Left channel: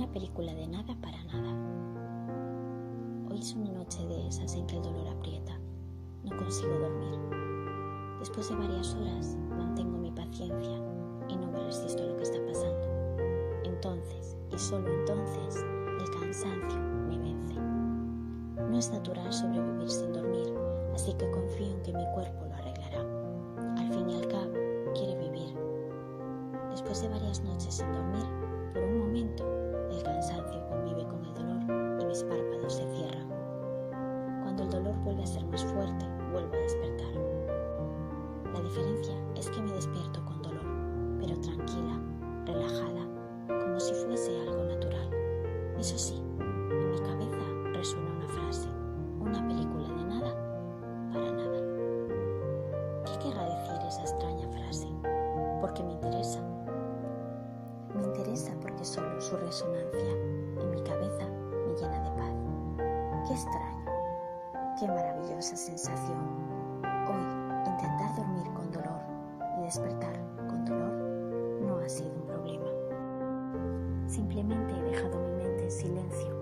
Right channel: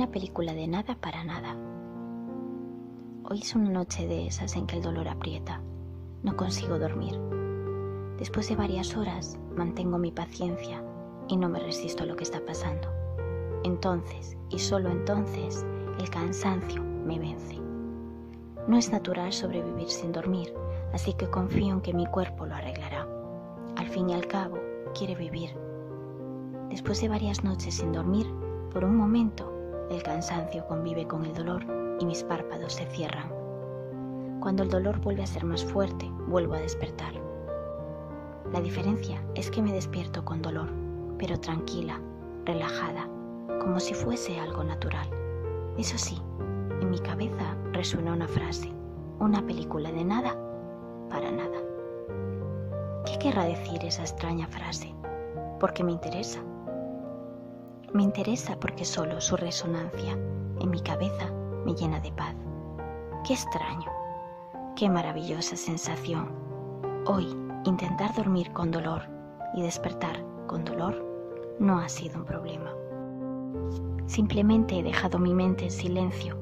Una película de nada para nada. Hoy es una noche de esas en que el dolor aprieta. No consigo dormir. Después de varias horas mantengo mi paciencia y no me resisto a lo que está pasando. Entonces, y solo entonces, el cansancio me vence. No es natural sobrevivir sin dormir, así que confío en que mi cuerpo lo arreglará. Al fin y al cabo, quiere vivir. Después de varias noches sin dormir, por un momento, el cansancio convive con el dolor y mis párpados se cierran. Cuando el dolor vuelve a ser más fuerte, vuelvo a despertar. La diferencia es que me despierto con dolor, pero tranquila, relajada, como si fuese algo natural. Eso sí, en mi cabeza resuena una frase, una película de nada para nada. ¿Qué querrá decir esa extraña frase? Porque me interesa. Me interesa porque solo su resonancia en mi cabeza me llena de paz. ¡Qué extraño! ¡Qué maravillosa sensación! Hoy, intentar dormir con dolor y despertar con dolor no ha sido un problema. Simplemente he dejado mi mente en silencio,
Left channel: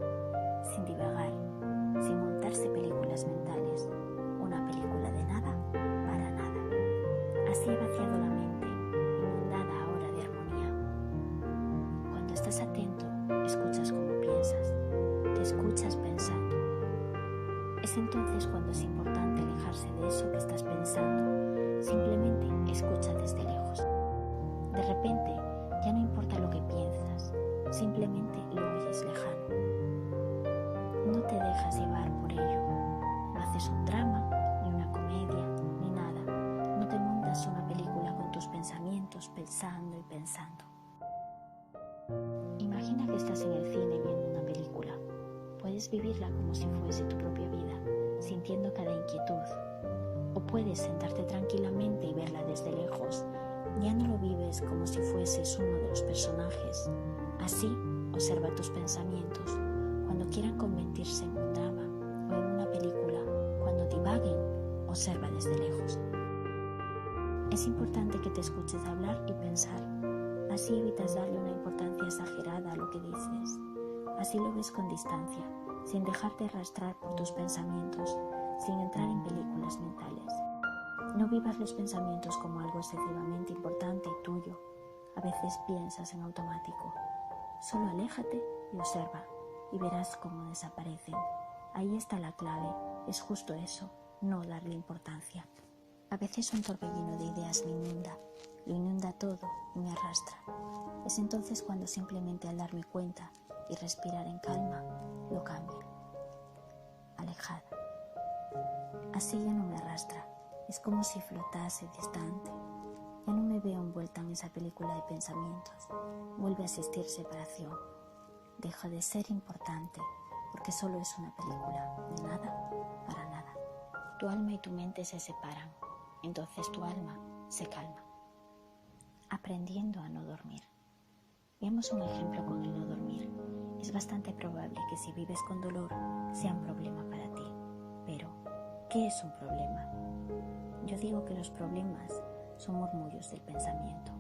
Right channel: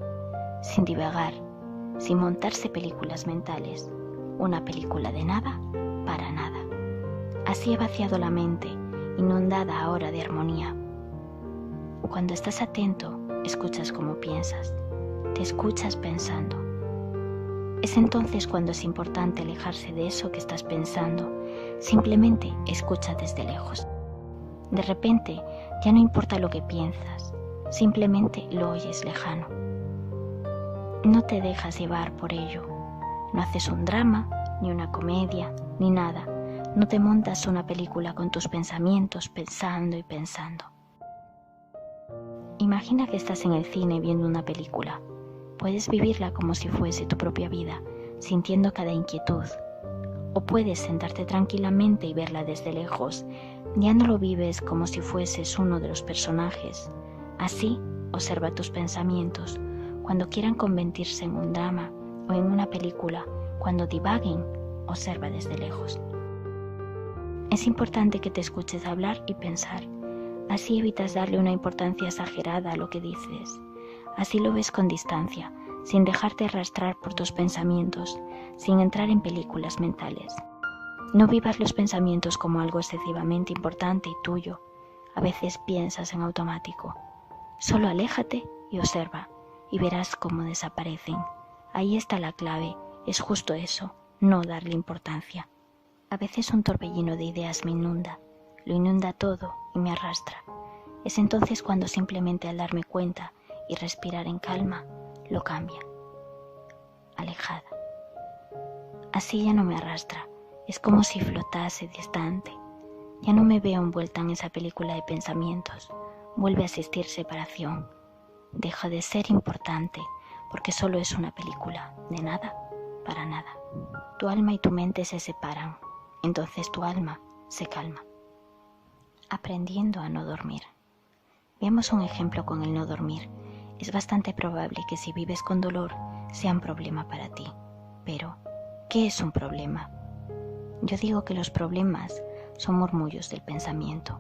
sin divagar, sin montarse películas mentales, una película de nada para nada. Así he vaciado la mente, inundada ahora de armonía. Cuando estás atento, escuchas cómo piensas, te escuchas pensando. Es entonces cuando es importante alejarse de eso que estás pensando, simplemente escucha desde lejos. De repente, ya no importa lo que piensas, simplemente lo oyes lejano. No te dejas llevar por ello, no haces un drama, ni una comedia, ni nada, no te montas una película con tus pensamientos pensando y pensando. Imagina que estás en el cine viendo una película. Puedes vivirla como si fuese tu propia vida, sintiendo cada inquietud. O puedes sentarte tranquilamente y verla desde lejos. Ya no lo vives como si fueses uno de los personajes. Así, observa tus pensamientos. Cuando quieran convertirse en un drama o en una película, cuando divaguen, observa desde lejos. Es importante que te escuches hablar y pensar. Así evitas darle una importancia exagerada a lo que dices. Así lo ves con distancia, sin dejarte arrastrar por tus pensamientos, sin entrar en películas mentales. No vivas los pensamientos como algo excesivamente importante y tuyo. A veces piensas en automático. Solo aléjate y observa, y verás cómo desaparecen. Ahí está la clave, es justo eso, no darle importancia. A veces un torbellino de ideas me inunda. Lo inunda todo y me arrastra. Es entonces cuando simplemente al darme cuenta y respirar en calma, lo cambia. Alejada. Así ya no me arrastra. Es como si flotase distante. Ya no me veo envuelta en esa película de pensamientos. Vuelve a existir separación. Deja de ser importante porque solo es una película de nada para nada. Tu alma y tu mente se separan. Entonces tu alma se calma. Aprendiendo a no dormir. Veamos un ejemplo con el no dormir. Es bastante probable que si vives con dolor sea un problema para ti. Pero, ¿qué es un problema? Yo digo que los problemas son murmullos del pensamiento.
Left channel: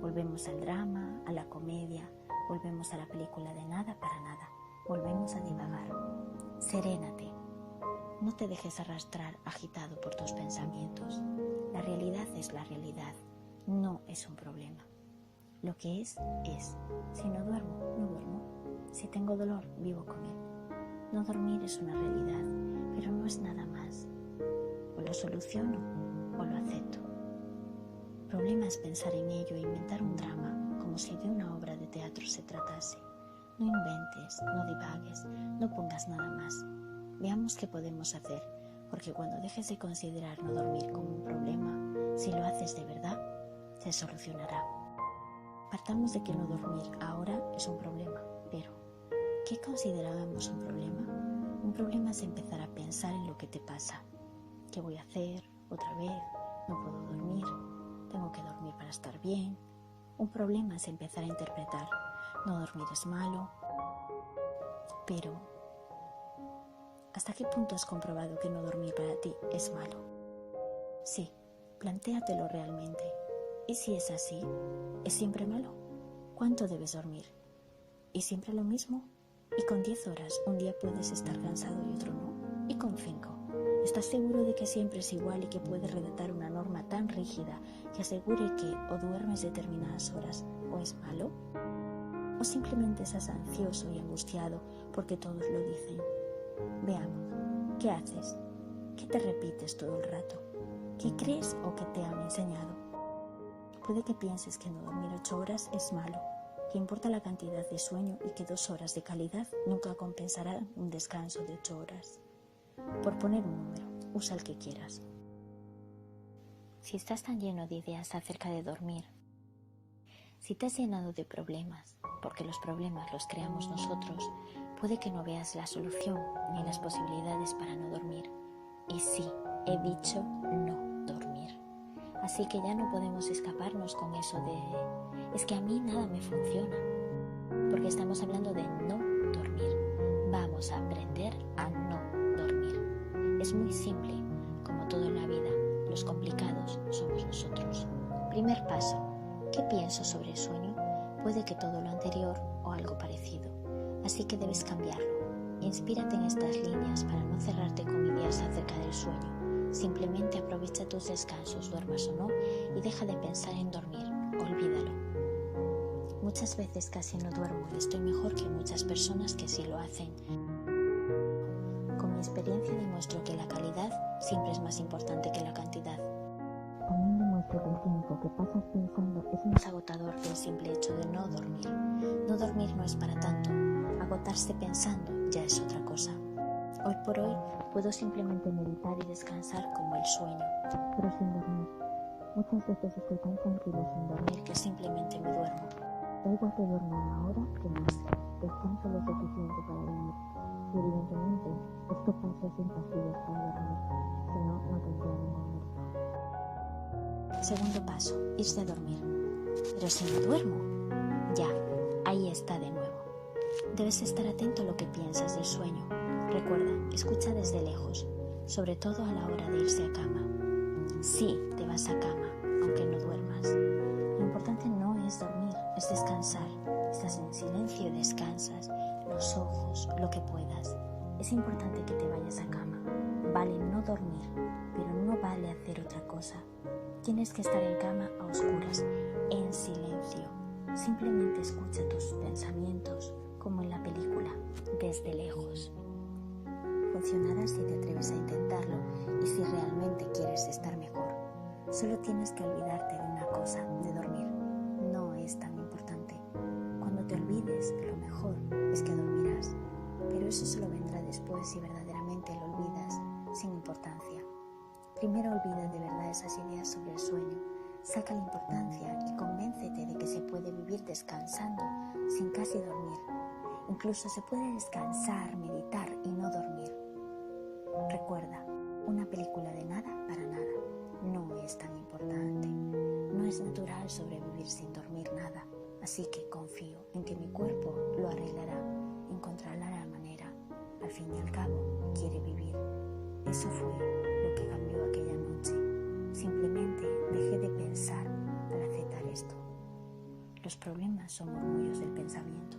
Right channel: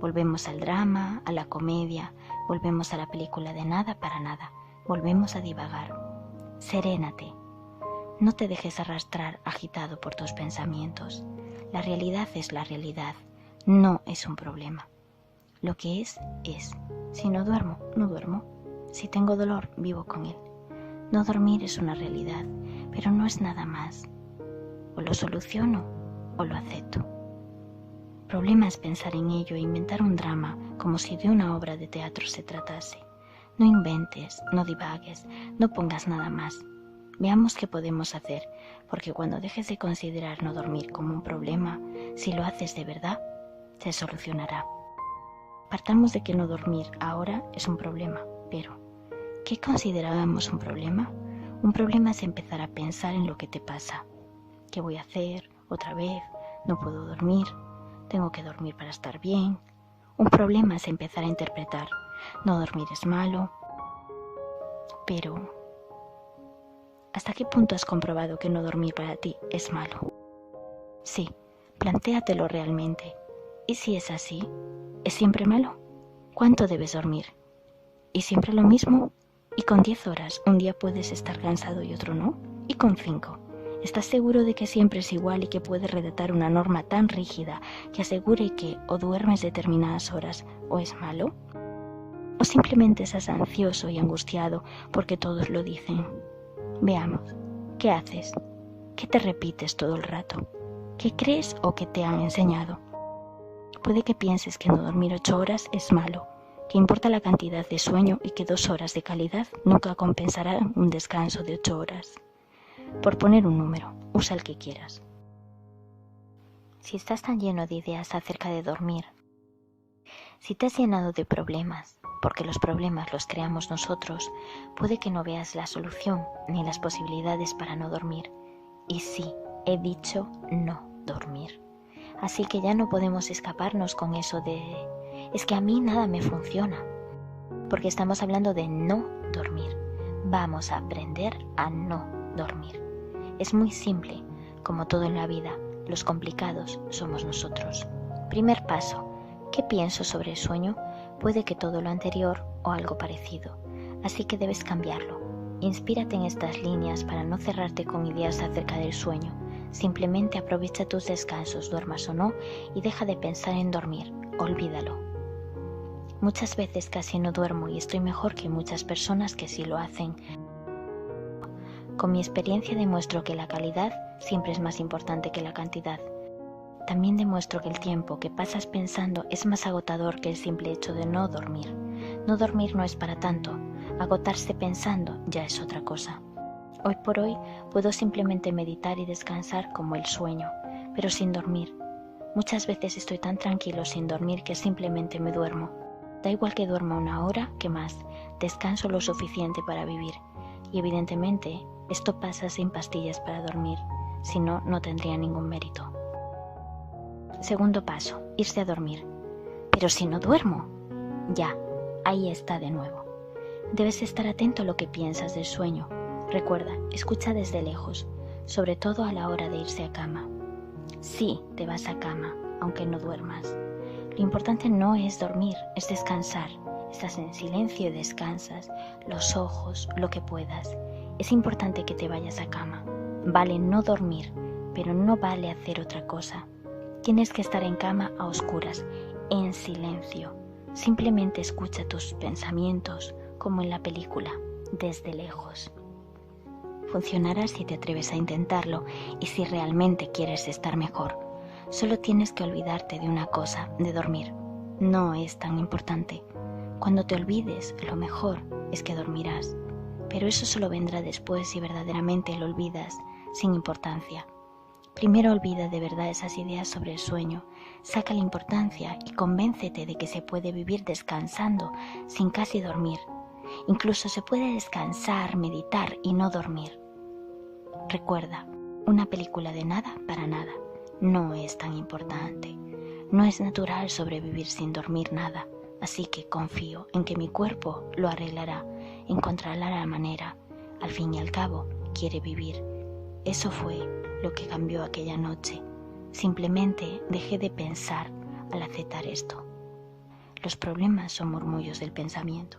Volvemos al drama, a la comedia, volvemos a la película de nada para nada, volvemos a divagar. Serénate. No te dejes arrastrar agitado por tus pensamientos. La realidad es la realidad. No es un problema. Lo que es, es. Si no duermo, no duermo. Si tengo dolor, vivo con él. No dormir es una realidad, pero no es nada más. O lo soluciono o lo acepto. Problema es pensar en ello e inventar un drama como si de una obra de teatro se tratase. No inventes, no divagues, no pongas nada más. Veamos qué podemos hacer, porque cuando dejes de considerar no dormir como un problema, si lo haces de verdad, se solucionará. Partamos de que no dormir ahora es un problema, pero ¿qué considerábamos un problema? Un problema es empezar a pensar en lo que te pasa. ¿Qué voy a hacer? ¿Otra vez? ¿No puedo dormir? ¿Tengo que dormir para estar bien? Un problema es empezar a interpretar. No dormir es malo. Pero, ¿hasta qué punto has comprobado que no dormir para ti es malo? Sí, plantéatelo realmente. ¿Y si es así? ¿Es siempre malo? ¿Cuánto debes dormir? Y siempre lo mismo. Y con 10 horas, un día puedes estar cansado y otro no. Y con 5. ¿Estás seguro de que siempre es igual y que puedes redactar una norma tan rígida que asegure que o duermes determinadas horas o es malo? ¿O simplemente estás ansioso y angustiado porque todos lo dicen? Veamos, ¿qué haces? ¿Qué te repites todo el rato? ¿Qué crees o qué te han enseñado? Puede que pienses que no dormir 8 horas es malo, que importa la cantidad de sueño y que 2 horas de calidad nunca compensarán un descanso de 8 horas. Por poner un número, usa el que quieras. Si estás tan lleno de ideas acerca de dormir, si te has llenado de problemas, porque los problemas los creamos nosotros, puede que no veas la solución ni las posibilidades para no dormir. Y sí, he dicho no dormir. Así que ya no podemos escaparnos con eso de es que a mí nada me funciona, porque estamos hablando de no dormir. Vamos a aprender a no dormir. Es muy simple, como todo en la vida, los complicados somos nosotros. Primer paso, ¿qué pienso sobre el sueño? Puede que todo lo anterior o algo parecido, así que debes cambiarlo. Inspírate en estas líneas para no cerrarte con ideas acerca del sueño. Simplemente aprovecha tus descansos, duermas o no, y deja de pensar en dormir, olvídalo. Muchas veces casi no duermo y estoy mejor que muchas personas que sí lo hacen. Con mi experiencia demuestro que la calidad siempre es más importante que la cantidad. También demuestro que el tiempo que pasas pensando es más agotador que el simple hecho de no dormir. No dormir no es para tanto, agotarse pensando ya es otra cosa. Hoy por hoy puedo simplemente meditar y descansar como el sueño, pero sin dormir. Muchas veces estoy tan tranquilo sin dormir que simplemente me duermo. Da igual que duerma 1 hora, que más, descanso lo suficiente para vivir. Y evidentemente, esto pasa sin pastillas para dormir, si no, no tendría ningún mérito. Segundo paso, irse a dormir. Pero si no duermo, ya, ahí está de nuevo. Debes estar atento a lo que piensas del sueño. Recuerda, escucha desde lejos, sobre todo a la hora de irse a cama. Sí, te vas a cama, aunque no duermas. Lo importante no es dormir, es descansar. Estás en silencio y descansas, los ojos, lo que puedas. Es importante que te vayas a cama. Vale no dormir, pero no vale hacer otra cosa. Tienes que estar en cama a oscuras, en silencio. Simplemente escucha tus pensamientos, como en la película, desde lejos. Funcionará si te atreves a intentarlo y si realmente quieres estar mejor. Solo tienes que olvidarte de una cosa, de dormir. No es tan importante. Cuando te olvides, lo mejor es que dormirás. Pero eso solo vendrá después si verdaderamente lo olvidas, sin importancia. Primero olvida de verdad esas ideas sobre el sueño, saca la importancia y convéncete de que se puede vivir descansando sin casi dormir. Incluso se puede descansar, meditar y no dormir. Recuerda, una película de nada para nada no es tan importante. No es natural sobrevivir sin dormir nada, así que confío en que mi cuerpo lo arreglará, encontrará la manera. Al fin y al cabo, quiere vivir. Eso fue lo que cambió aquella noche. Simplemente dejé de pensar al aceptar esto. Los problemas son murmullos del pensamiento.